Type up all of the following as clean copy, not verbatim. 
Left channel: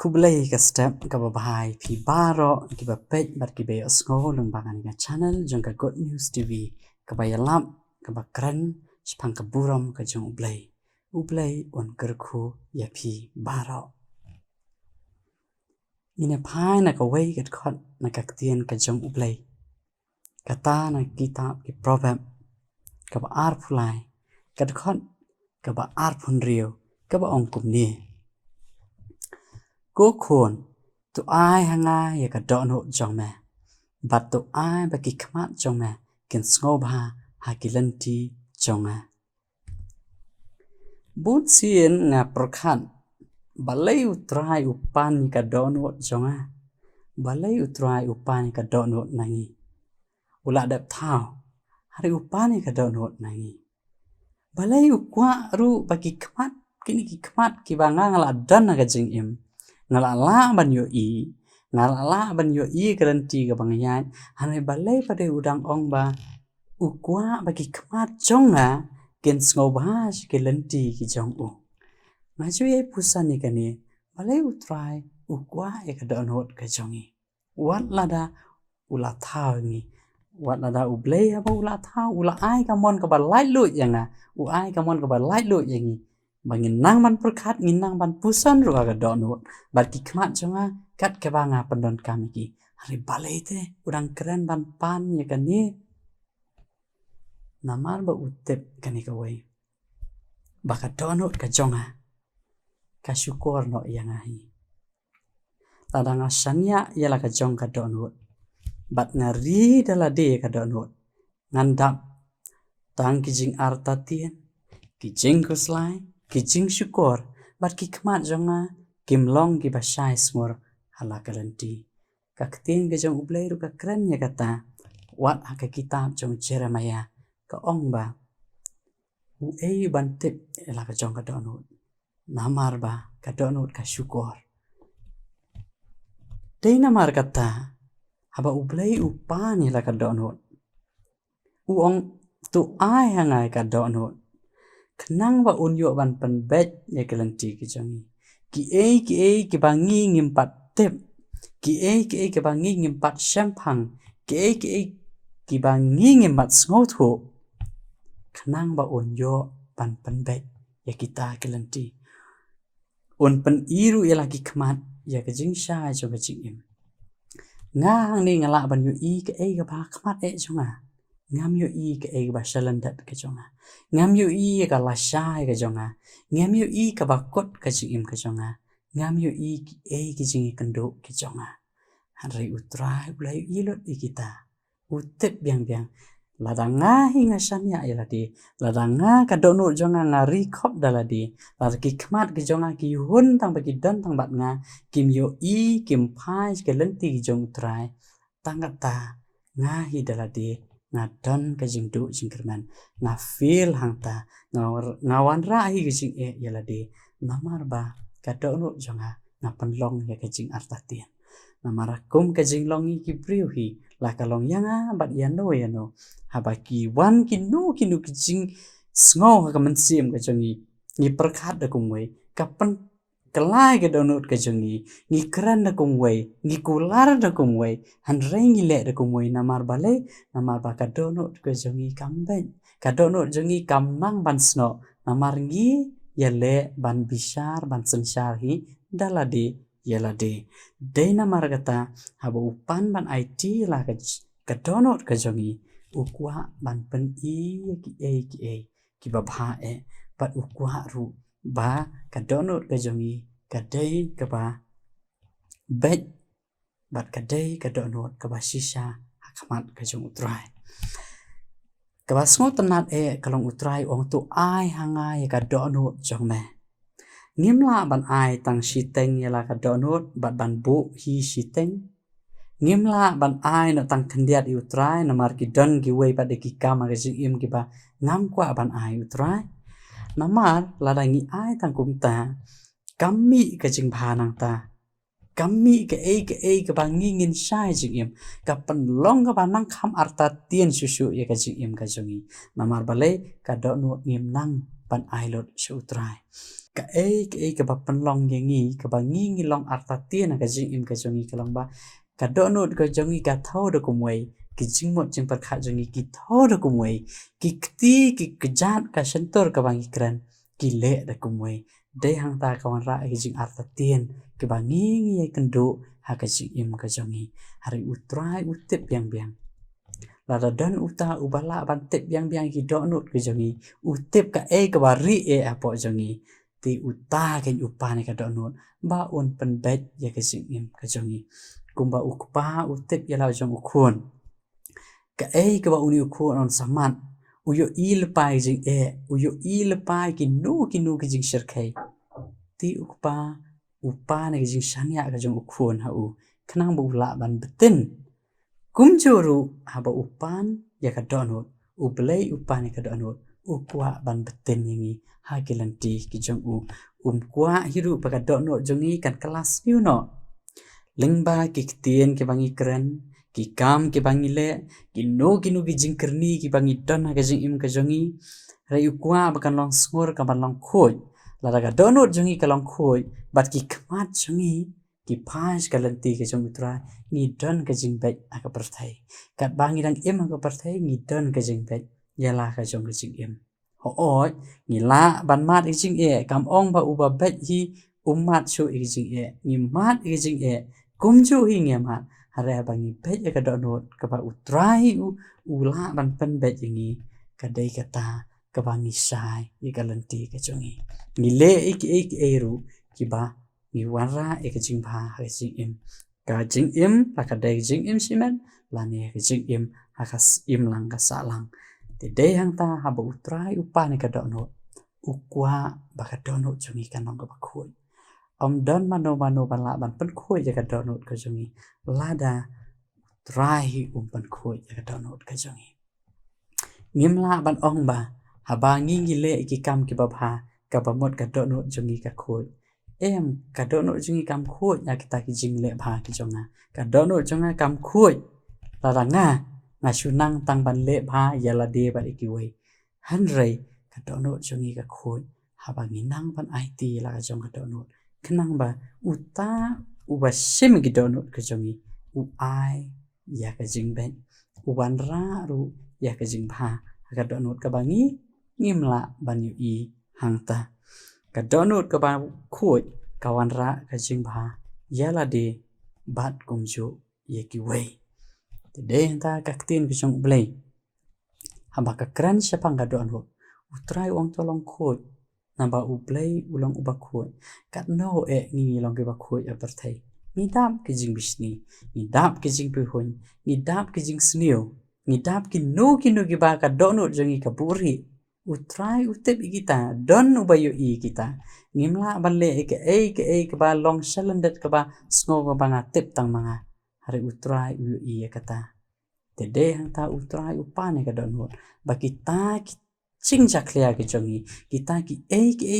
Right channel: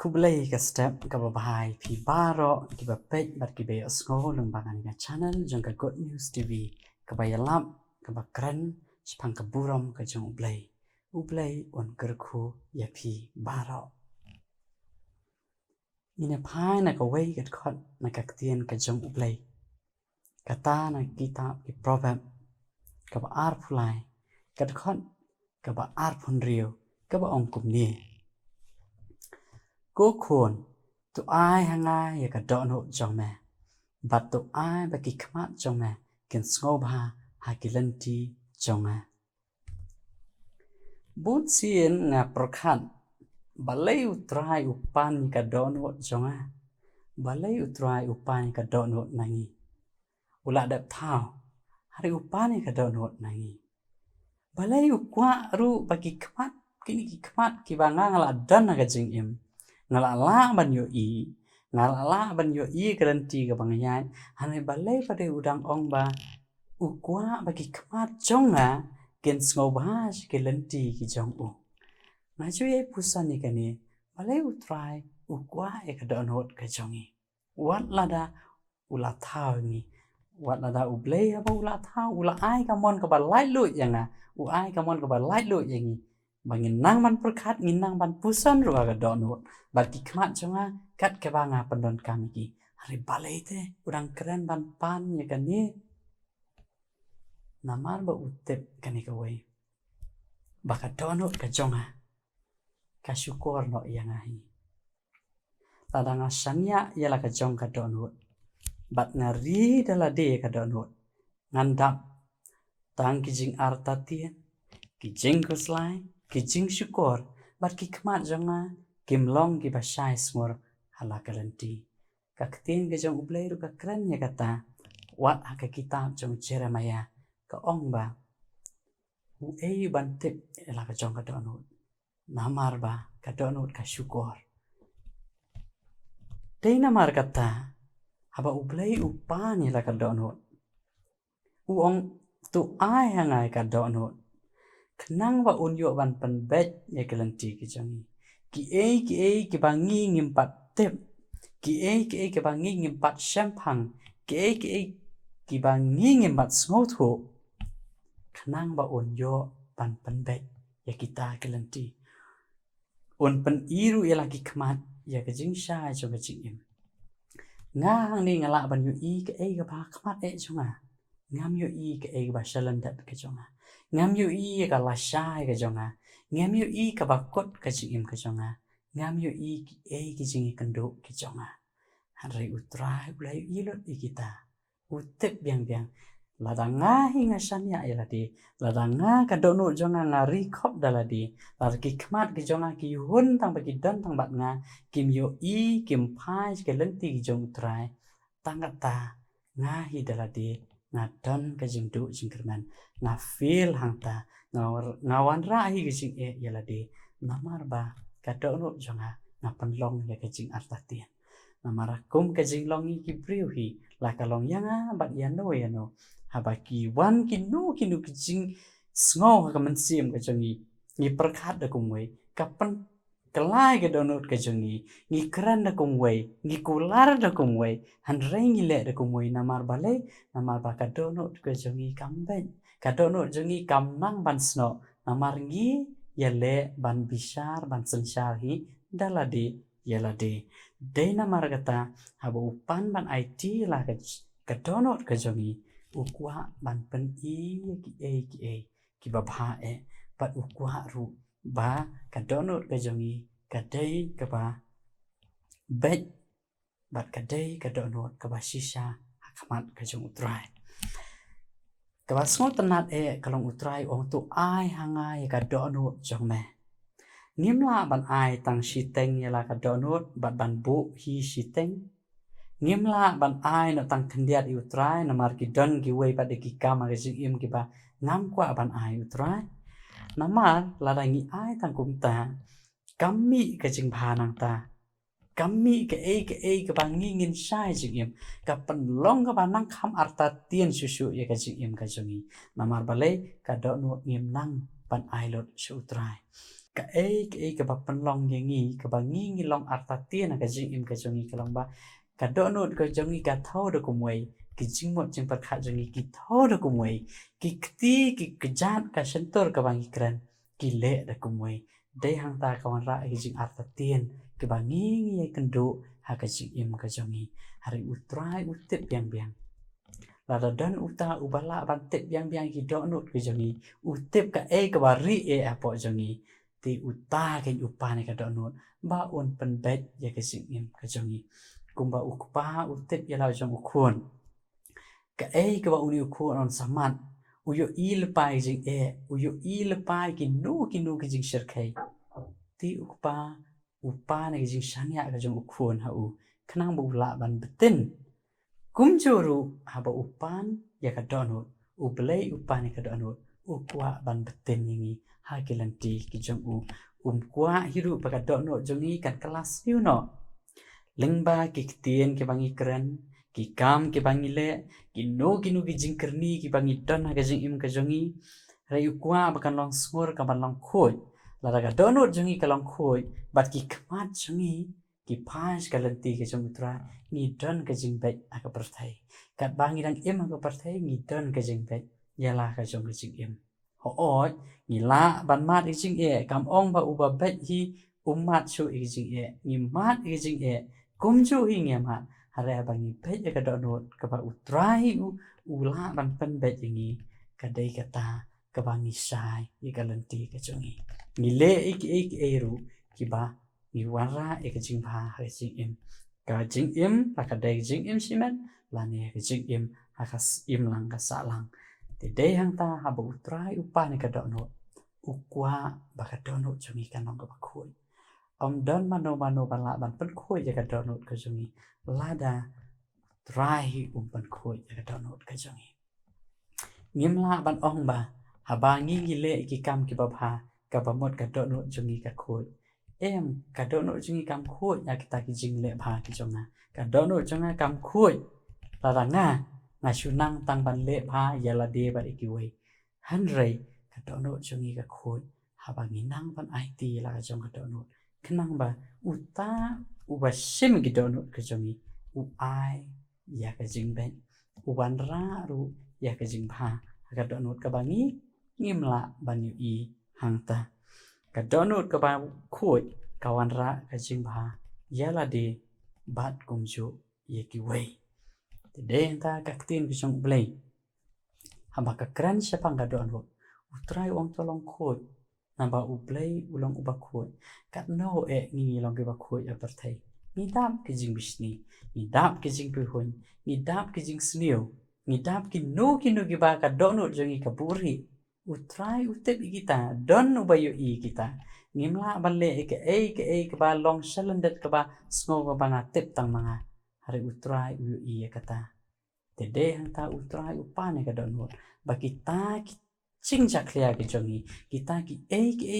Kublai ka step ka babahay pi baro ki ba pej bat ki be osngo lung bangan ka channel jong ka Good News TV ka ba yalap ka ba kran spang ka buram ka jong ublai on kerku ya pi baro ina phai na ka wei kat khot na ka tien ka jong ublai kata na kitab ki proverb ka ba ar phulai kat khot ka ba ar phun rio ka ba ong kum ni cố khuôn tụ ai hang ai ya ka do no jong me bat tụ ai ba ki khmat jong me ken sngo ba ha ki len ti jong a but sien nga prokhan balai utrai upan ka do no jong a balai utrai upan ka do no nangi ula dap thao hari upan ka do no nangi balai ukwa ru ba ki khmat kini ki khmat ki ba nga la dan ga jing im ngala ban yo i ngala ban yo i garanti ka bangyai hanai balai pada udang ong ba ukwa ba ki khmat jong a ken sngo ba ke lenti ki jong u na chu ye pusan ni kani balai utrai ukwa e ka don hot ka jong i wat lada ula thao ni wat lada ublei ba ula thao ula ai ka mon ka ba lai lu yang a u ai ka mon ka ba lai lu yang i bangin nang ban perkhat ngin nang ban pusan ru ka don hot bat ki khmat jonga kat ke banga pendon kami ki hari balai te udang keren ban pan ya kan ni namar ba utep kani ka wei baka donut ka jonga ka syukur no yang ahi tadanga sanya yala ka jong ka donut bat ngari dala de ka donut ngandap tang kijing arta tien kijing kuslai kijing syukur bat ki khmat jonga kim long ki basai smor hala kalenti ka ktin ke jong ublei ru ka kren ya kata wat ha ka kitab jong Jeremiah ka ong ba u ei ban tip ela ka jong ka donut namar ba ka donut ka syukur dei namar kata haba ublei upan ela ka donut u ong tu ai hangai ka donut kenang ba unyo ban penbet ya kalenti ki jong ki ei ki bangi ngimpat tip ki ei ki bangi ngimpat shampang ki ei ki bangi ngimpat sngotu kenang ba unyo ban penbet ya kita kelenti un pen iru ya lagi khmat ya ke jing sha jo ke jing im ngang ni ngala ban yu i ke ei ka ba khmat e jonga ngam yu i ke ei ba shalandat ke jonga ngam yu i ka la sha ke jonga ngam yu i ka ba kot ke jing im ke jonga ngam yu i ki ei ki jing kendo ke jonga hari utrai ulai ilot i kita utep biang biang ladanga hinga sanya ila di ladanga ka dono jonga ngari khop dala di lar ki khmat ki jonga ki hun tang ba ki dan tang bat nga kim yo i kim phai ke lenti ki jong utrai tangata nga hi dala di nga don ka jing du jing kerman nga feel hangta ngawan ra hi ki jing e ila di namar ba ka dono jonga nga penlong ya ka jing artatian namarakum ka jing longi ki priu hi la ka long yanga bat yano habaki wan kinu ki jing sngo ka mensim ka jongi ni perkhat da kumwei kapan kelai ka donut ka jongi ni kran da kumwei ni kular da kumwei han rengi le da kumwei namar balai namar ba ka donut ka jongi kamben ka donut jongi kamnang ban sno namar ngi yale ban bishar ban sensar hi dalade yalade dei namar kata haba upan ban IT la ka donut ka jongi ukwa ban pen i ki ba bha e pat ukwa ru ba ka donut ka jongi ka dei ka ba bet bat ka dei ka donut ka ba shisha khmat ka jong utrai ka ba sngo tanat e kalong utrai ong tu ai hangai ka donut jong me ngimla ban ai tang shiteng yala ka donut bat ban bu hi shiteng ngimla ban ai no tang khendiat i utrai na mar ki don ki wei pa de ki kama ke jing im ki ba ngam kwa ban ai utrai namar lada ngi ai tang kum ta kami ke jing bha nang ta kami ke ei ke ba ngi ngin sai jing im ka pen long ka ba nang kham arta tien susu ya ka jing im ka jongi namar balai ka do no ngim nang ban ai lot shu utrai ka ka ba penlong yangi ka ba ngi long artatien ka jing im ka jongi ka long ba ka donut ka jongi ka thau de kumwei ki jingmot jing par kha jongi ki thau de kumwei ki kti ki kejat ka sentor ka bang ikran ki le de kumwei dei hang ta ka wan ra ki jing artatien ki ba ngi kendo ha ka jing im ka jongi hari utrai utip biang lada dan uta ubala ban tip biang ki donut ka jongi utip ka ka ba ri apo jongi ti uta ken upane ka donut ba un pen bet ya ka jing im ka jongi kumba ukpa utip ya la jong ukun ka ba uni ukun on saman uyo il pai jing uyo il pai ki nu ki jing sherkai ti ukpa upane ki jing shanya ka jong ukun ha u kenang bu la ban betin kumjuru haba upan ya ka donut ublei upan ya ka donut ukwa ban betin yangi ha kilanti ki jong kwa hiru pa ka donut jongi kan kelas you no lengba ki ktien ki bangi keren ki kam ki bangi le ki no ki jing kerni ki bangi don ha ka jing im ka jongi rai ukwa ba kan long skor ka ban long khoi la ka donut jongi ka long khoi bat ki kmat jongi ki pas kalanti ka jong utra ni don ka jing bet aka perthai kat bangi dang im aka perthai ni don ka jing bet yala ka jong ka jing im ho oi ni la ban mat i jing kam ong ba uba bet hi umat shu i jing ni mat i jing kumju hi nge ma hare bangi bet ka donut ka ba utrai ula ban pen bet yangi ka dei kata ka bangi sai i kalanti ka jongi ni le ik ru ki ba ni wara ka jing ba ha jing im ka jing im la ka dei jing im simen la ne ka jing im ha ka im lang ka sa lang te dei hang ta ha ba utrai upa ne ka donut ukwa ba ka donut jongi ka nong ka ba khoi om don mano ban la ban pen khoi ja ka donut ka jongi lada trai pan khoi ja ka donut ka jongi ngim la ban ong ba ha ba ngi le ki kam ki ba bha ka ba mot ka donut jongi ka khoi em ka donut jongi kam khoi ya kita ki jing le bha ki jonga ka donut jonga kam khoi la nga shunang tang ban le bha ya la de ba ki wei han rei ka donut jongi ka khoi ha ba ngi nang ban it la ka jong ka donut kenang ba uta uba sim ki donut ka jongi u ai ya ka jing ben uban ra ru ya ka jing bha ka donut ka bangi ngimla ban yu i hangta ka donut ka ba khoi kawan ra ka jing bha ya la de bat kumju ye ki wei te de ta ka tin ki jong blei hamba ka kran sepang ka donut utrai ong tolong khoi namba ublei ulang uba khoi kat no ni long ke ba khoi a perthai ni dap ke jing bisni ni dap ke jing pu hun ni dap ke jing snio ni dap ki no ki ba ka donut jongi ka puri utrai utep kita don ubayo i kita ngimla balle ke ba long cylinder ke ba sngo ka ba tip tang manga hari utrai u i kata te de hang ta utrai upane ka donut ba kita ching jaklia ke jongi kita ki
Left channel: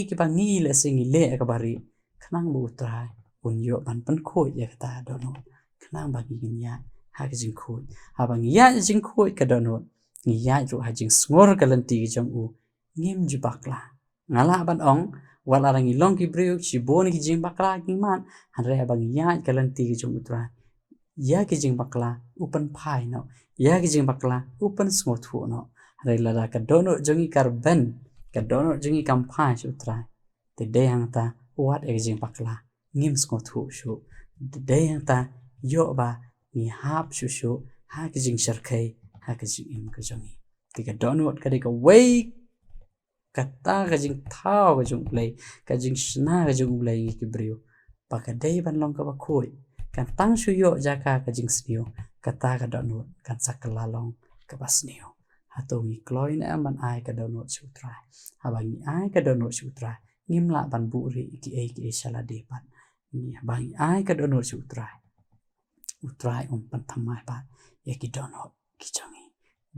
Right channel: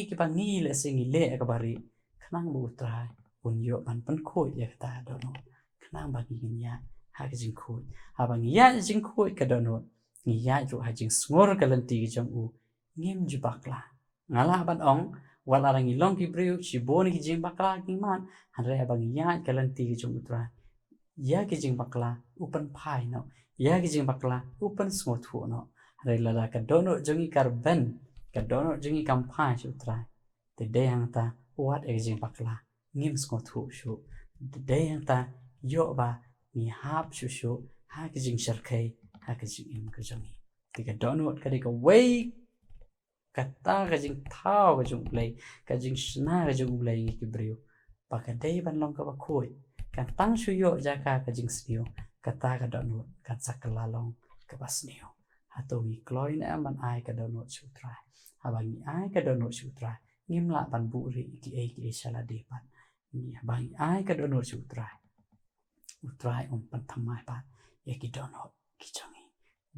ki ba ngi le singi le ka bari khnang bu utrai un yo ban pan khoi ya kata donut khnang ba ki nya ha ke jing khoi ha ba ngi ya jing khoi ka donut ngi ya ru ha jing snor ka lanti ki jong u ngim ju bakla ngala ban ong wal arang i long ki breu chi bon ki jing bakla ki man han re ba ngi ya ka lanti ki jong utrai ya ki jing bakla upan phai no ya ki jing bakla upan smo thu no re la ka donut jongi karben ka donut jongi kam phai su utrai te de hang ta wat e jing bakla ngim smo thu shu de hang ta yo ba ni hap shu ha ki jing sharkai ha ki jing im ka jongi ti ka donut ka de ka wei kata ka jing thao ka jung play ka jing sna ka jung play ki breu pa ka dei ban long ka ba khoi kan tang shu yo jaka ka jing snio kata ka donut kan sakala long ka ba snio hato ngi kloin am ban ai ka donut shu trai ha ba ngi ai ka donut shu trai ngim la ban bu ri ki sala de pan ni ba ngi ai ka donut shu trai utrai pan thamai pa ye ki donut ki jongi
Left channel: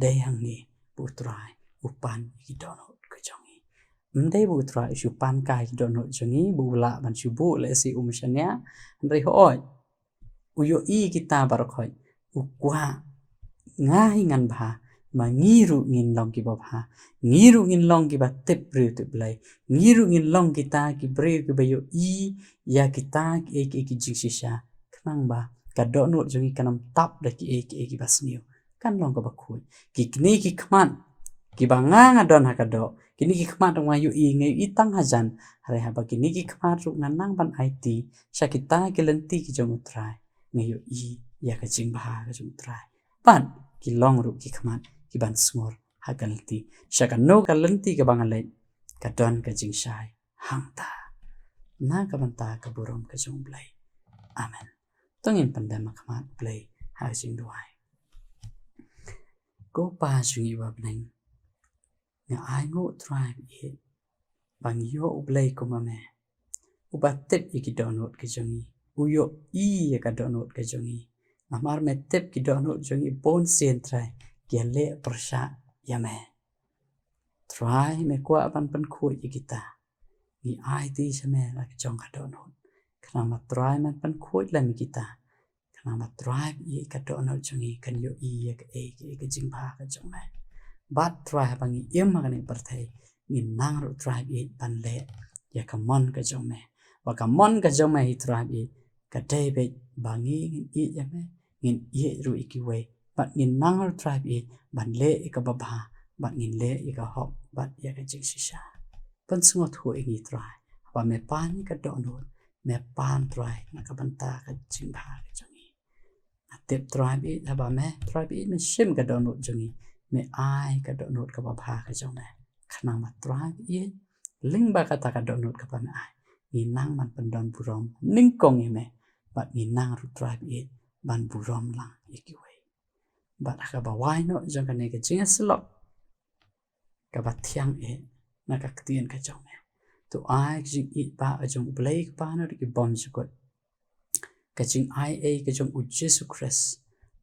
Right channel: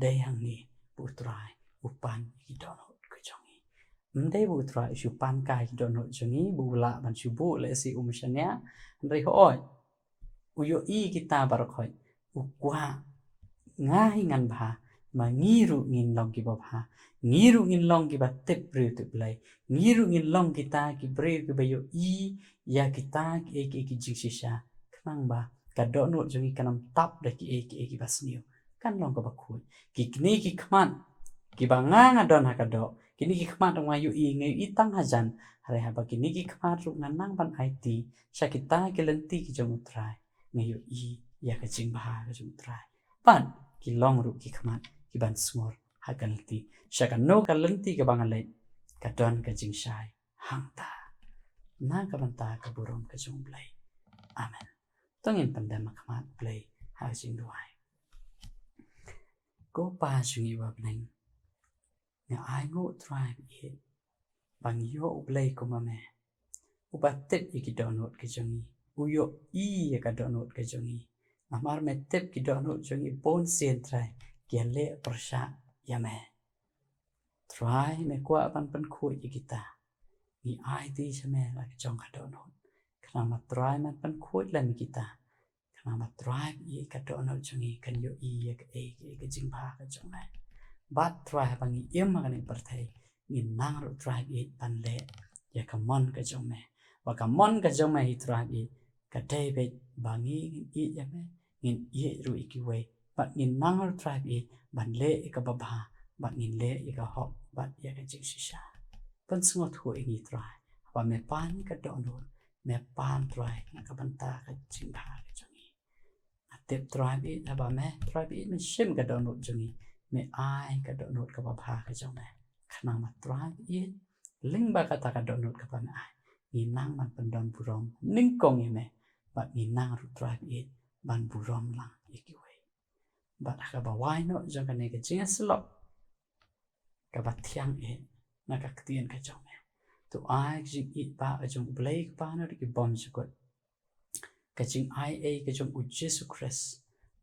dei hang ni bu trai upan ki donut ka jongi ndai bu trai shu pan kai ki donut jongi bu la ban shu bu le si umshanya ndai hoi uyo i kita bar khoi ukwa ngai ngan bha mà ngiru ngin long ki baba ngiru ngin long ki ba tip bri tu play ngiru ngin long kita ki bri ki bayo I ya kita ki jing shisha kanang ba ka do no jongi kanam tap da ki ki bas niu kan long ka ba khu ki kni ki khman ki ba nga don ha ka do kini ki khman dong ayu I ngai I tang hajan hare ha ba kini ki khman ru nang ban IT sha kita ki lenti ki jong utrai ngai I ya ka jing ba ka jong utrai pan ki long ru ki khman ki ban smor ha ka lenti sha ka no ka lenti ka bang le ka don ka jing shai hang ta na ka ban ta ka burom ka jong blai amen tongin pandem khman blai ha jing duai ko pa jungi wa bneng nga ai ngo trai ye bang yo blai ko ma me ubatet ki donot ke jongi uyo I ya ka donot ke jongi amar me tep ki donot jongi bon sen trai kia le persha ya me try me kwa pan khu ki kita ni ai ti sa me la ki jong ka donot kana ma try man pan khu la mi kita kana ma try I ka donot jongi kan yo I ya ka ke jing ba ka jong me bat try bang I em ma ka ni par thai ni nang ro try I pan le ya ka mon ka jong me wa ka mon ka jong me I try I ka dai be bangi I ya me ngin I ru I ki we bat ngin nang ro try I ban le ka ba ba bat ngin le I ka hop bat ya ka jing shisha pan sungot hu I try wa me pan ka donot me pan try na ka ban ta ka jing ba ka jong I atep try I na ba me try I me shim ka donot jong I me ai ka donot ka ba ba ka jong me khana ma try I ling ba ka ta ka donot ka ba me ai ni nang man pandon burom ning kong I me bat ni nang ru try I ban burom lang I ki we bat ka ba wai no jong ka ne ka jing slop ka ba thiang e na ka tien ka jong me to ai jing I ba a jong blai pa no ki bom jukot ka jing ai a ka jong u Jesus Christ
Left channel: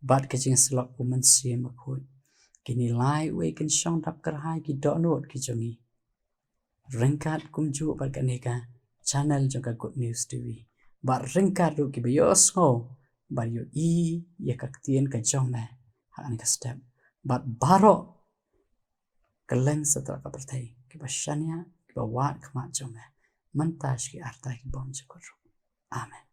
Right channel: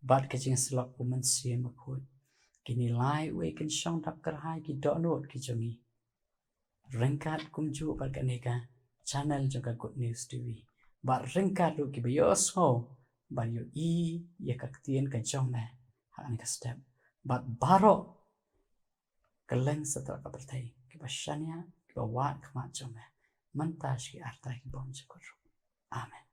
bat ka jing slop u man si ma khoi kini lai we kin shong dap kar hai ki do not ki jong I ringkat kum ju bat ka ne ka channel jong ka good news tv bat ringkat ru ki bios ho bat yo I ya ka tien ka jong me ha an ka step bat baro kaleng satra ka perthai ki ba shania ki ba wat khma jong me mantash ki arta ki bom jukot amen